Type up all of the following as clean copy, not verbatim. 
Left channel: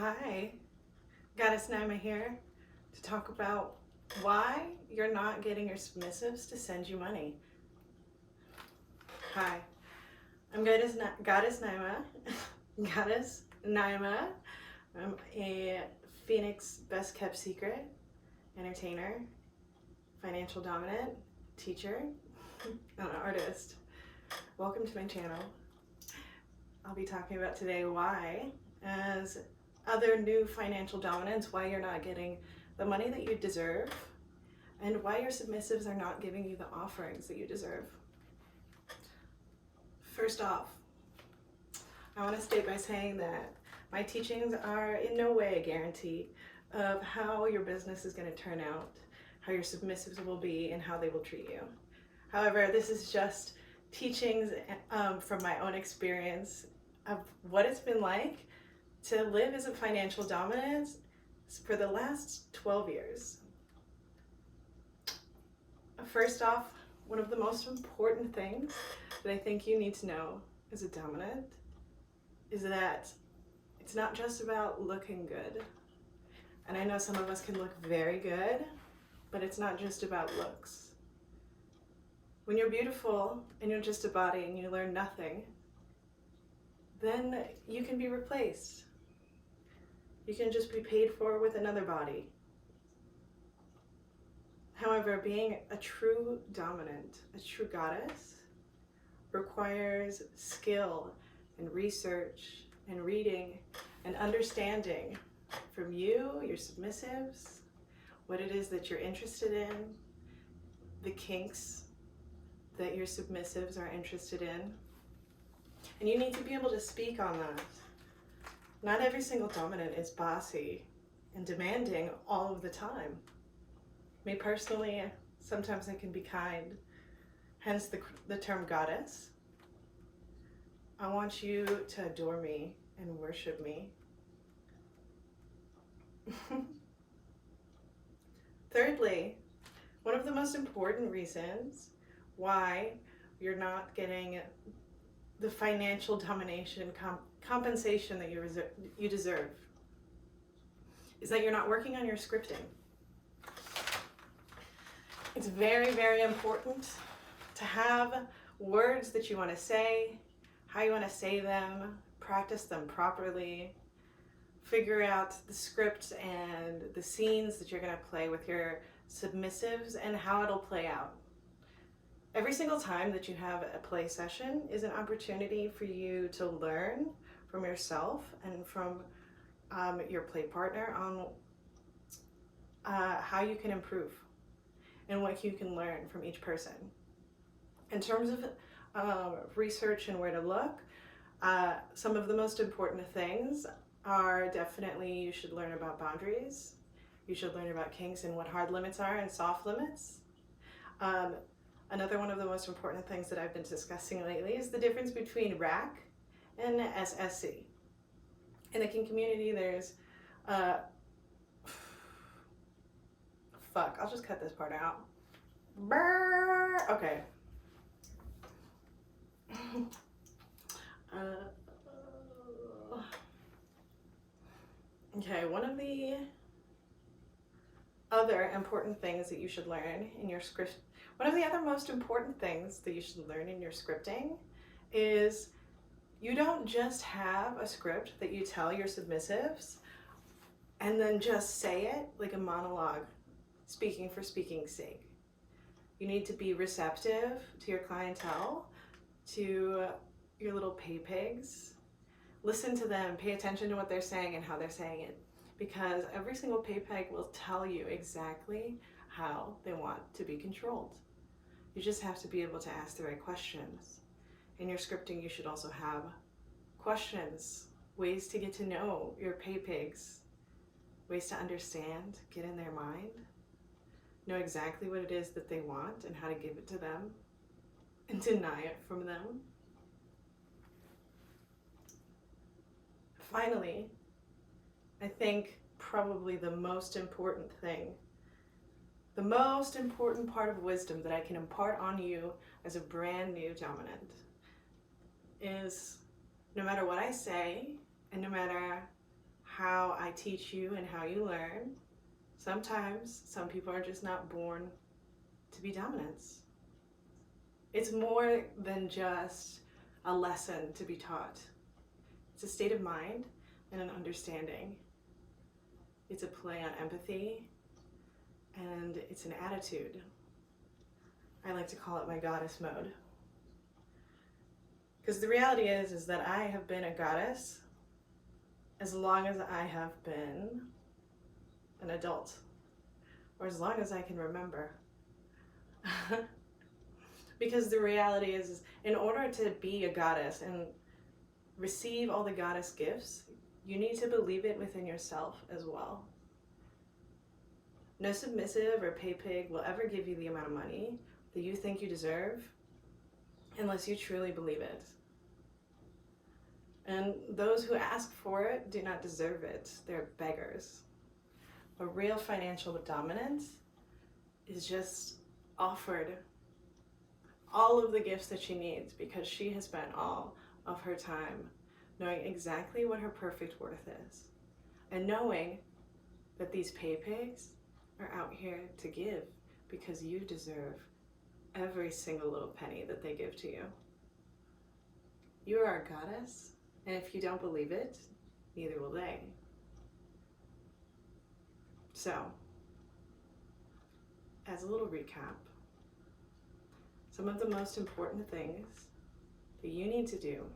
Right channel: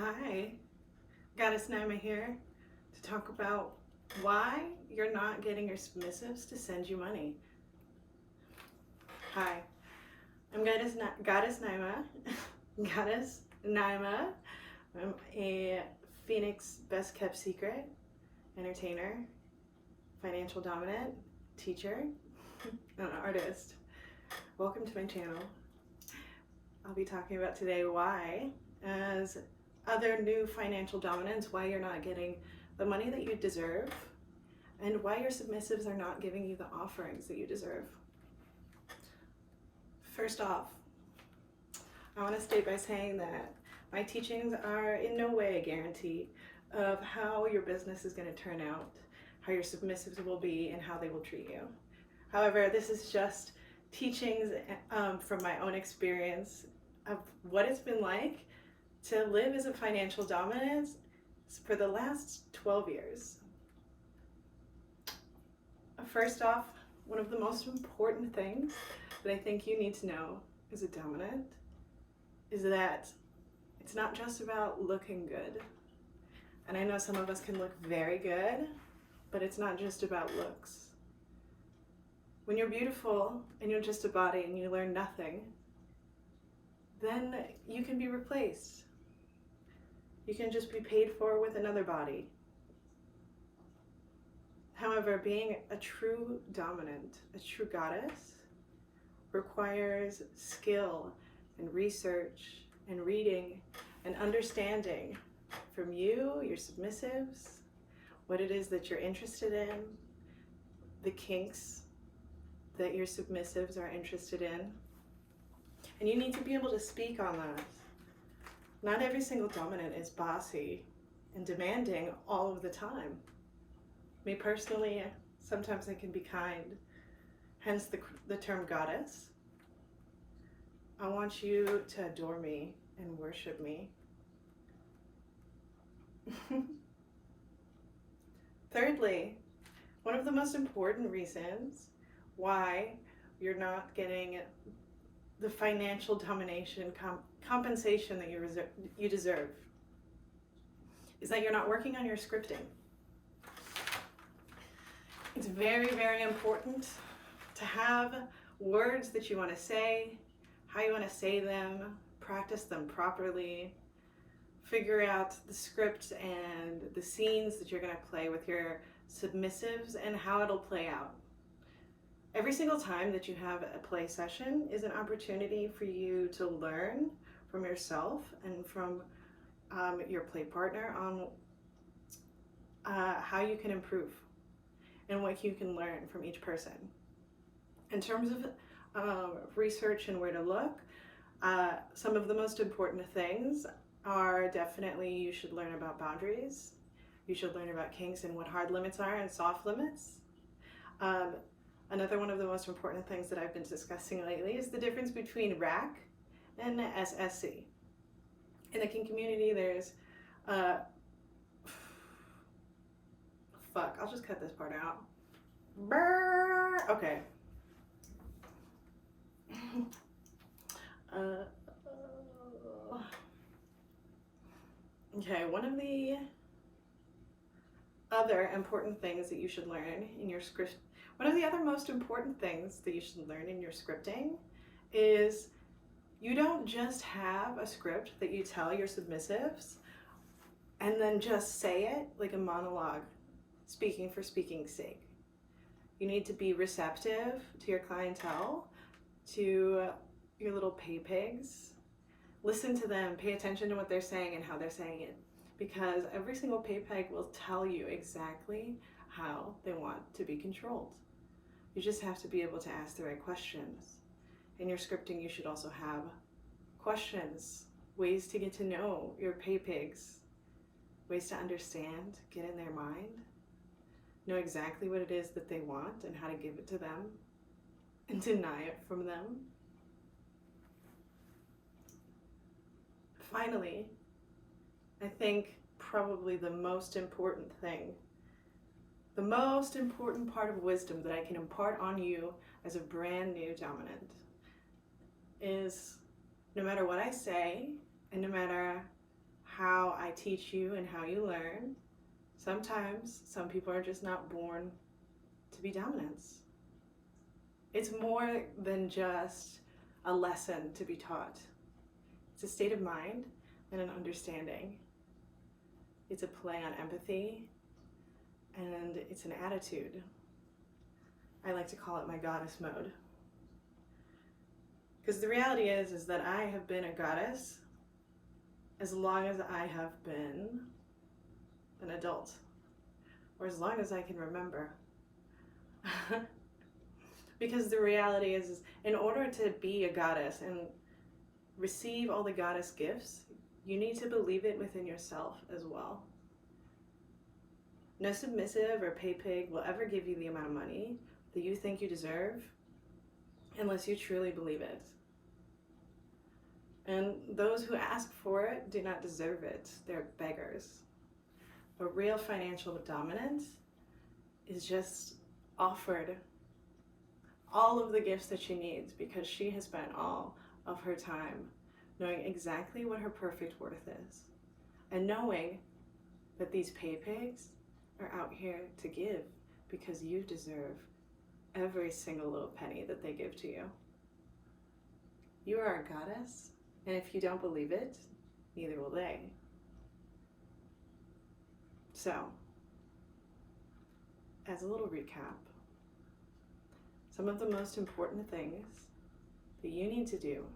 Hi, Goddess Naima here to talk about why you're not getting your submissives to send you money. Hi, I'm Goddess Naima. Goddess Naima. I'm a Phoenix best kept secret, entertainer, financial dominant, teacher, and an artist. Welcome to my channel. I'll be talking about today why, as other new financial dominants, why you're not getting the money that you deserve and why your submissives are not giving you the offerings that you deserve. First off, I want to state by saying that my teachings are in no way a guarantee of how your business is going to turn out, how your submissives will be, and how they will treat you. However, this is just teachings from my own experience of what it's been like to live as a financial dominant for the last 12 years. First off, one of the most important things that I think you need to know as a dominant is that it's not just about looking good. And I know some of us can look very good, but it's not just about looks. When you're beautiful and you're just a body and you learn nothing, then you can be replaced. You can just be paid for with another body. However, being a true dominant, a true goddess, requires skill and research and reading and understanding from you, your submissives, what it is that you're interested in, the kinks that your submissives are interested in. And you need to be able to speak on that. Not every single dominant is bossy and demanding all of the time. Me personally, sometimes I can be kind, hence the term goddess. I want you to adore me and worship me. Thirdly, one of the most important reasons why you're not getting the financial domination compensation that you deserve is that you're not working on your scripting. It's very, very important to have words that you want to say, how you want to say them, practice them properly, figure out the script and the scenes that you're going to play with your submissives and how it'll play out. Every single time that you have a play session is an opportunity for you to learn from yourself and from your play partner on how you can improve and what you can learn from each person. In terms of research and where to look, some of the most important things are definitely you should learn about boundaries. You should learn about kinks and what hard limits are and soft limits. Another one of the most important things that I've been discussing lately is the difference between RAC and SSC. In the kink community, there's fuck, I'll just cut this part out. Brrr. Okay. Okay, one of the other important things that you should learn in your script, one of the other most important things that you should learn in your scripting is you don't just have a script that you tell your submissives and then just say it like a monologue, speaking for speaking's sake. You need to be receptive to your clientele, to your little pay pigs. Listen to them, pay attention to what they're saying and how they're saying it, because every single pay peg will tell you exactly how they want to be controlled. You just have to be able to ask the right questions. In your scripting, you should also have questions, ways to get to know your pay pigs, ways to understand, get in their mind, know exactly what it is that they want and how to give it to them and deny it from them. Finally, I think probably the most important thing, the most important part of wisdom that I can impart on you as a brand new dominant is no matter what I say and no matter how I teach you and how you learn. Sometimes some people are just not born to be dominants. It's more than just a lesson to be taught. It's a state of mind and an understanding. It's a play on empathy, and it's an attitude. I like to call it my goddess mode. Because the reality is that I have been a goddess as long as I have been an adult, or as long as I can remember. Because the reality is, in order to be a goddess and receive all the goddess gifts, you need to believe it within yourself as well. No submissive or pay pig will ever give you the amount of money that you think you deserve unless you truly believe it. And those who ask for it do not deserve it. They're beggars. A real financial dominance is just offered all of the gifts that she needs because she has spent all of her time knowing exactly what her perfect worth is, and knowing that these pay pigs are out here to give because you deserve every single little penny that they give to you. You are a goddess, and if you don't believe it, neither will they. So, as a little recap, some of the most important things that you need to do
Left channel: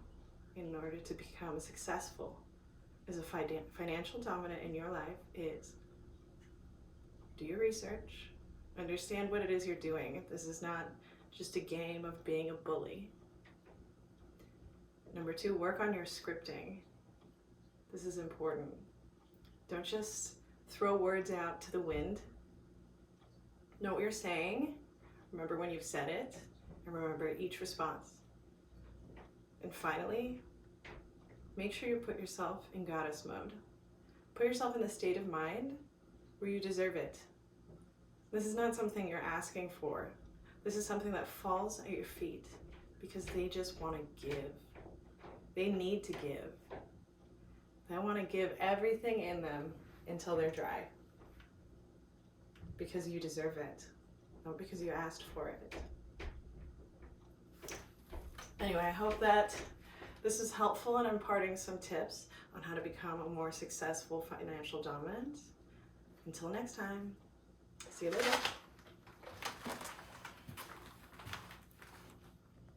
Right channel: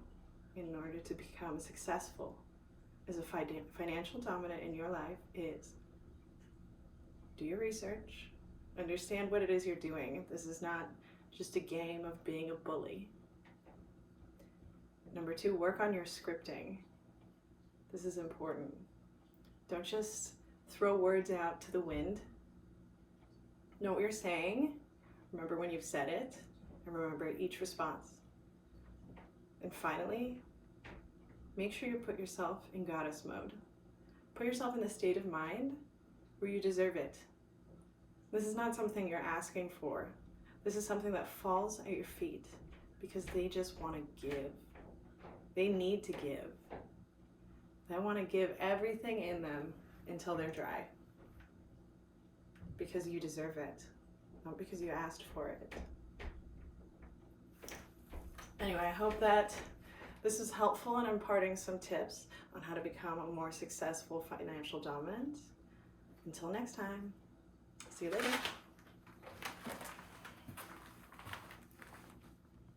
in order to become successful as a financial dominant in your life is do your research, understand what it is you're doing. This is not just a game of being a bully. Number 2, work on your scripting. This is important. Don't just throw words out to the wind. Know what you're saying, remember when you've said it, and remember each response. And finally, make sure you put yourself in goddess mode. Put yourself in the state of mind where you deserve it. This is not something you're asking for. This is something that falls at your feet because they just want to give. They need to give. They want to give everything in them until they're dry. Because you deserve it, not because you asked for it. Anyway, I hope that this is helpful in imparting some tips on how to become a more successful financial dominant. Until next time, see you later.